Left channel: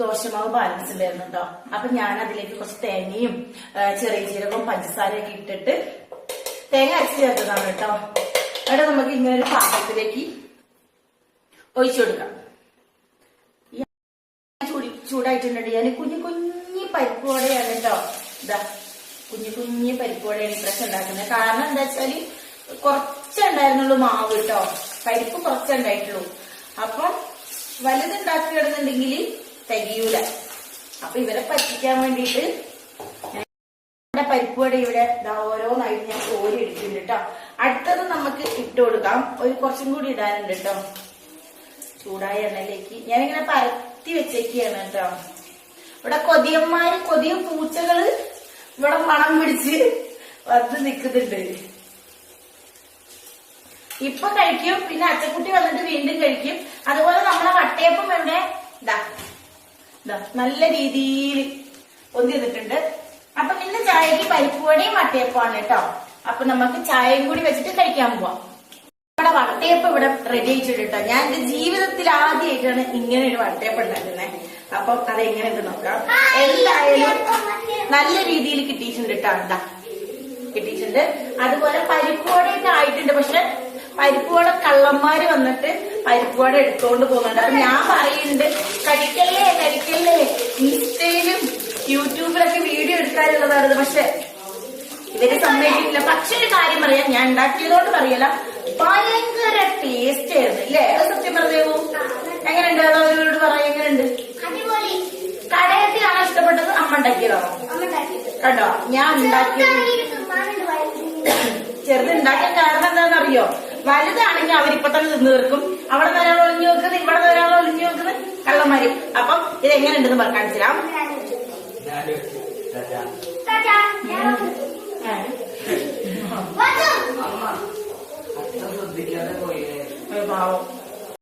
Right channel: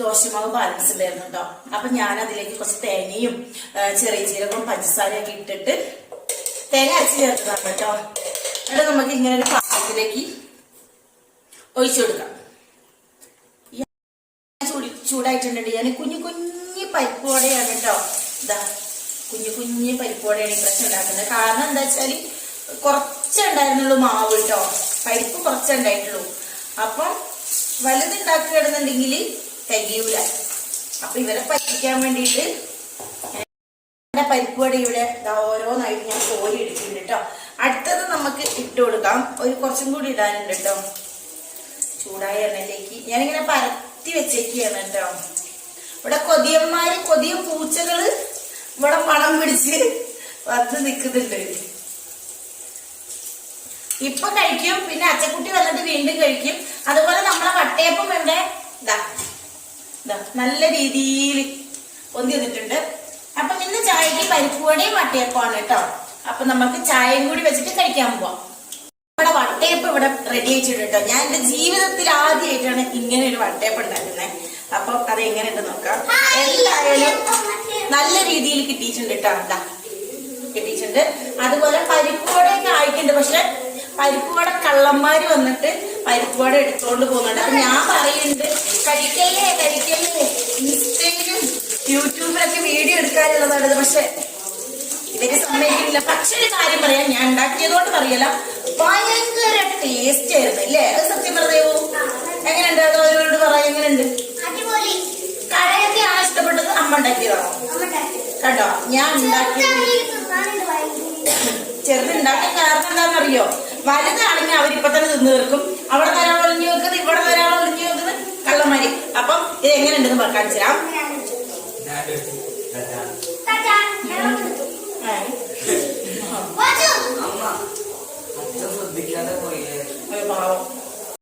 ദോശമാവ് ബാലൻസ് ഉണ്ടായിരുന്നു കേട്ടോ. അപ്പൊ ഞാൻ അതിലേക്ക് കുറച്ച് തേങ്ങയും ചെറിയ ജീരകവും പഞ്ചസാരയൊക്കെ ഇട്ടിട്ട് തേങ്ങ അരച്ച് ചേർത്തതാണ് കേട്ടോ. അവിടെ നമുക്ക് ഇങ്ങനെ ഒരു പാത്രത്തിലേക്ക് ഒഴിച്ചു കൊടുക്കാം. ചൂടായിട്ടുണ്ടെങ്കിൽ ഞാൻ കുഞ്ഞു കുഞ്ഞു പരിപ്പ് വടയാണ് കേട്ടോ. ഇതാ കുഞ്ഞു കുഞ്ഞു പരിപ്പ് വടയാണ് ഇപ്രാവശ്യം ഉണ്ടാക്കുന്നത്. കാരണം എന്താ വെച്ചാല് കുറച്ചുണ്ടായിരുന്നുള്ളൂ മാവ് കേട്ടോ, പരിപ്പ് കുറച്ചുണ്ടായിട്ടുള്ളൂ. അപ്പം വലുതുണ്ടാക്കുകയാണെന്നുണ്ടെങ്കിൽ തികയൂല. അപ്പൊ ഇവരെ പറ്റിക്കാൻ വേണ്ടിയിട്ട് പരിപ്പ് വട ഇവിടെ ഓരോന്നായിട്ട് ഞാൻ കോരി എടുക്കുന്നുണ്ട് കേട്ടോ. അടുത്തത് നമുക്ക് ഇട്ട് കൊടുക്കാം. കുറച്ചും കൂടി ഇടാനുണ്ട് കേട്ടോ. ചൂടായ എണ്ണയിലേക്ക് ഞാനിങ്ങനെ പരത്തി വെച്ചേക്കാണ് കേട്ടോ. ഇവിടെ കൊതിയം പൂച്ചകള് ഇവിടെ മണം പിടിച്ച് വന്ന് നിൽക്കുന്നുണ്ട്. ഇപ്പൊ കഴിക്കും, പിന്നെ അച്ചക്കുട്ടി വന്നിട്ട് വീണ്ടും കഴിക്കും. അതുപോലെ നമ്മളെ വട്ടയപ്പം ഇവിടെ നല്ല രീതിയിൽ പൊന്തി വന്നിട്ടുണ്ട്. അപ്പൊ ഇന്ന് ചായക്ക് പരിപ്പുവടയും വട്ടയപ്പമാണ് കേട്ടോ. അപ്പൊ നമുക്ക് ചായയും കൂടി വെച്ചിട്ട് കഴിക്കാൻ പോവാം. നമ്മുടെ വട്ടയപ്പം ഇവിടെ റെഡി ആയിട്ടുണ്ട് കേട്ടോ. ഞാൻ എന്റെ ജീവിതത്തിൽ ആദ്യമായിട്ടാണ് ഇങ്ങനെ ഒരു വട്ടയപ്പം ഉണ്ടാക്കുന്നത്. അപ്പം അത് എങ്ങനെയുണ്ട് നോക്കാം. എന്തായാലും നല്ല രീതിയിൽ കിട്ടിയിട്ടുണ്ട് കേട്ടോ. കിട്ടിയിട്ടുണ്ട്. അതുപോലെ പരിപ്പുവടയൊക്കെ ആയിട്ടുണ്ട്. പക്ഷെ പരിപ്പുവട കള്ളന്മാര് വന്നിട്ട് പരിപ്പുവട എടുത്തോണ്ട് പോകുന്നുണ്ട്. അപ്പൊ ഞാൻ പറയുന്നുണ്ട്, കഴിക്കല്ലേ ഇൻസ്റ്റയിലും യൂട്യൂബിലൊക്കെ വീഡിയോ എടുക്കാനുള്ളതാണ്. പക്ഷെ ഇവര് സമ്മതിക്കില്ല. പക്ഷെ ഒരു കാര്യം പറയാം, ഞാൻ ഉണ്ടാക്കിയതുകൊണ്ട് പറയല, ഭയങ്കര ടേസ്റ്റ് ആയിരുന്നു അല്ലേ? അത് സത്യം പറഞ്ഞേവോ? എങ്ങനെയുണ്ട്? അവരോട് പറയാം എങ്ങനെയുണ്ട്? കടയത്തെയാണോ ഇഷ്ടപ്പെട്ടത്, അമ്മ ഉണ്ടാക്കിയതാണോ? കണ്ടോ, ഞാൻ ഉണ്ടാക്കിയത് ചെറുതുണ്ടാക്കിയ കാരണം എന്താണെന്നറിയോ? വലുതാണെങ്കിൽ അവരിപ്പൊ തന്നെ തിന്നു തീർക്കും. അവിടെ നിന്ന് ഒരാൾ ഒളിഞ്ഞു വെക്കുന്നത്, ഇവിടെ നിന്ന് ഒരാൾ ഒളിഞ്ഞു വെക്കുന്നത് കള്ളന്മാര്. അപ്പം ഇത് എങ്ങനെയുണ്ടെന്ന് കാണിച്ചു തരാം. പാവം